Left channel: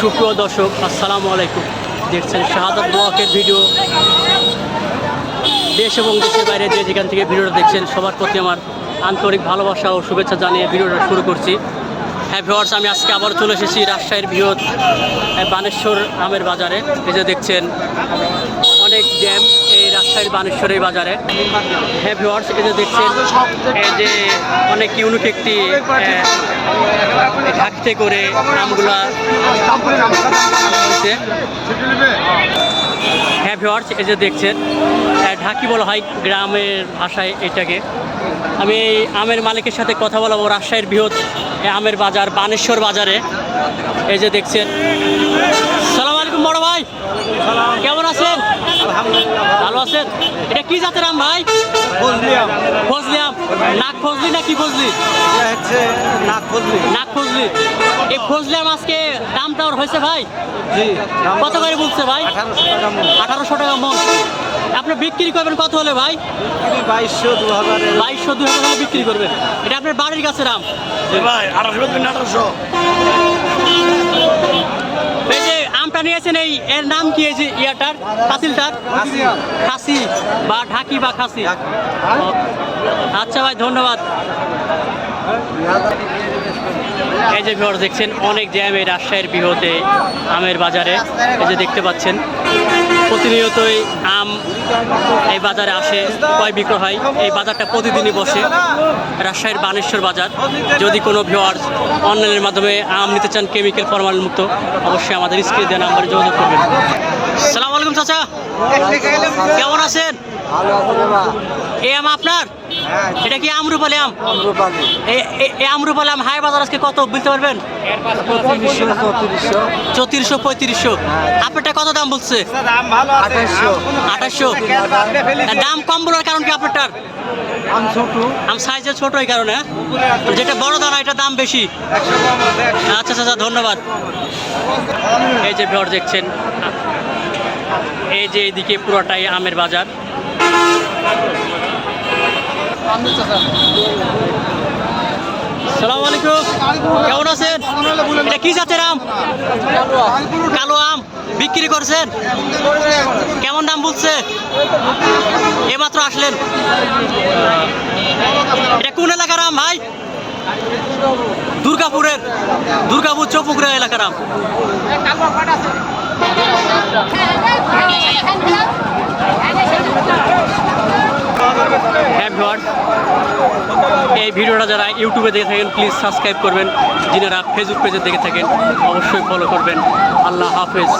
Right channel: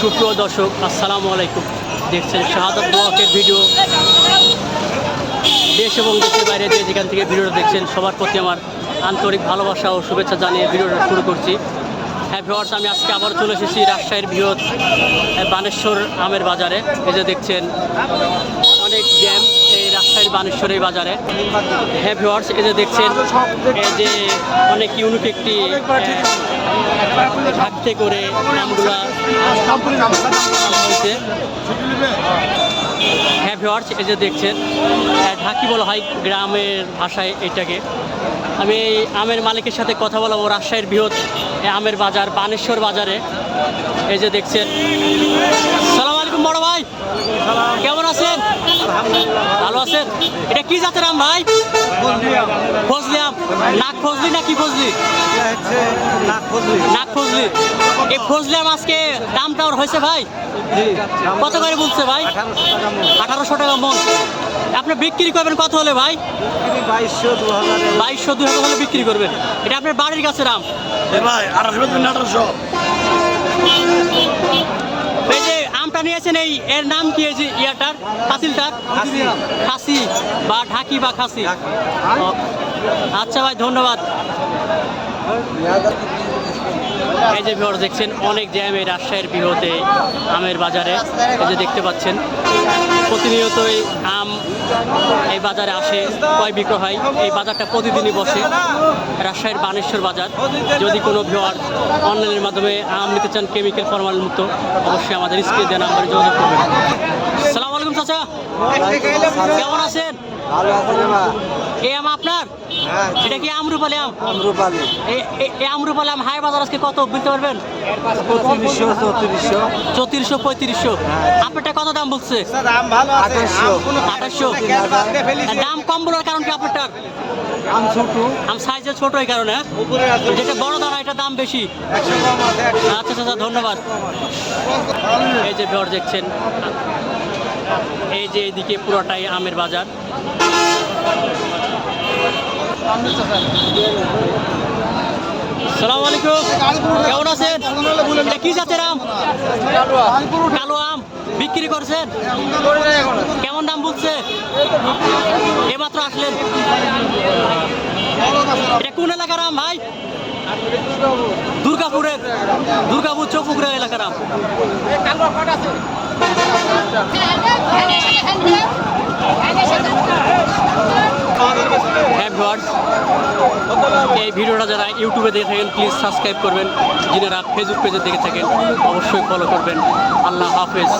সুপ্রিয় দর্শক, আসসালামু আলাইকুম। দেখছেন শাহাদত ব্লকের ভিডিও। দেশ এবং দেশের বাইরে যে যেখান থেকে ভিডিওটা দেখছেন, সবার প্রতি আমার আন্তরিক ভালোবাসা ও শুভেচ্ছা জানিয়ে ভিডিওটা শুরু করছি। হ্যাঁ ভিওয়ার্স আমি আজকে আবার চলে এসেছি রাজশাহীর বৃহৎ বানেশ্বর আমের বাজারে। এই যে দেখছেন, অনেক এই রাজশাহীর বানেশ্বর বাজারে। হ্যাঁ ভিওয়ার্স এই যে দেখছেন এই যে অনেক ইউনিক একটি ঢাকতে করে আমগুলা আনা হয়েছে। হ্যাঁ ভিওয়ার্স এই যে দেখছেন ঢাকি বলা হয় গ্রামের ভাষায় এটাকে। আমি এই আমের মালিকের সাথে কথা বলব রাজশাহীর বৃহৎ আমের বাজার বানেশ্বর বাজারে। এই যে দেখছেন। সালাম আলাইকুম বড় ভাই। কেমন আছেন? ভালো। আছেন? এটা কি জাতের আম ভাই? ফজলি আম। নাক ফজলি না কি ফজলি হচ্ছে নাক ফজলি। নাক ফজলি। এই ফজলি আম আজকে দামটা ওর হয়েছে ভাই? জি কত করে বলছে ভাই? আঠারোশো টাকা মন। মন। আপনি বিক্রি করবেন কত হলে ভাই? বাইশশো দু হাজারে বাইশশো দুই হাজার হলে বিক্রি করবেন। এটা আপনার বাড়ির কাছে রাম ভাই আঠারোশো আঠারোশো। আমটা এই এর নাম কি এই যে ইয়াটার? পাতিলটার খাসি বা ঢাকি বা খাসি। আচ্ছা ভাই ধন্যবাদ। এই যে ভিউয়ার দেখছেন অনেক জ্যাম এই রাজশাহীর বৃহতে আমের বাজারে। এই যে দেখতে পাচ্ছেন প্রতিনিয়তই আম এই বাজারে আসে ক্রয় বিক্রয় হয় এই বাজারটা প্রতিদিনই বসে রাজশাহীর বানেশ্বর বাজার। যদি কোনো ভিউয়ার অনলাইনের মাধ্যমে আম নিতে চান কেমিক্যাল ফরমাল মুক্ত অবশ্যই আমাদের স্ক্রিনে দেওয়া নাম্বারে যোগাযোগ করবেন। সালাম আলাইকুম চাচা। কেমন আছেন? এই আম আপনার? এটা কি আমরুপালি আম? রূপালি এ- এ- এই আমরুপালি আম হাই বাজার আজকে কত বলতে পারবেন? চৌত্রিশশো পঁয়ত্রিশশো। আপনারটা কত দাম বলছে? আঠাশশো। দাম কম বলার কারণ কি আপনারটার? আম সাইজে ছোট এই কারণে হ্যাঁ? যেটা বড় দানা এটা দাম বেশি। আচ্ছা আচ্ছা আচ্ছা, ধন্যবাদ। এই যে ভিউয়ার দেখছেন এই যে এইদিকে পুরোটাই আমের বাজার। সালাম আলাইকুম। কেমন আছেন? এটা কি জাতের আম? কালো আম। বিক্রি করছেন? কেমন দাম বলছে? এমাত্র আসলেন। এটা কোন এলাকার আম ভাই? দুর্গাপুরের। দুর্গাপুর চৌপুকুরের এলাকার আম। ভিওয়ার্স এই ভিডিওটা যারা ইউটিউবে দেখে থাকেন প্লিজ সাবস্ক্রাইব করবেন। যিনারা ফেসবুক পেজে দেখে থাকেন, অবশ্যই ফলো করবেন। আল্লাহ হাফেজ।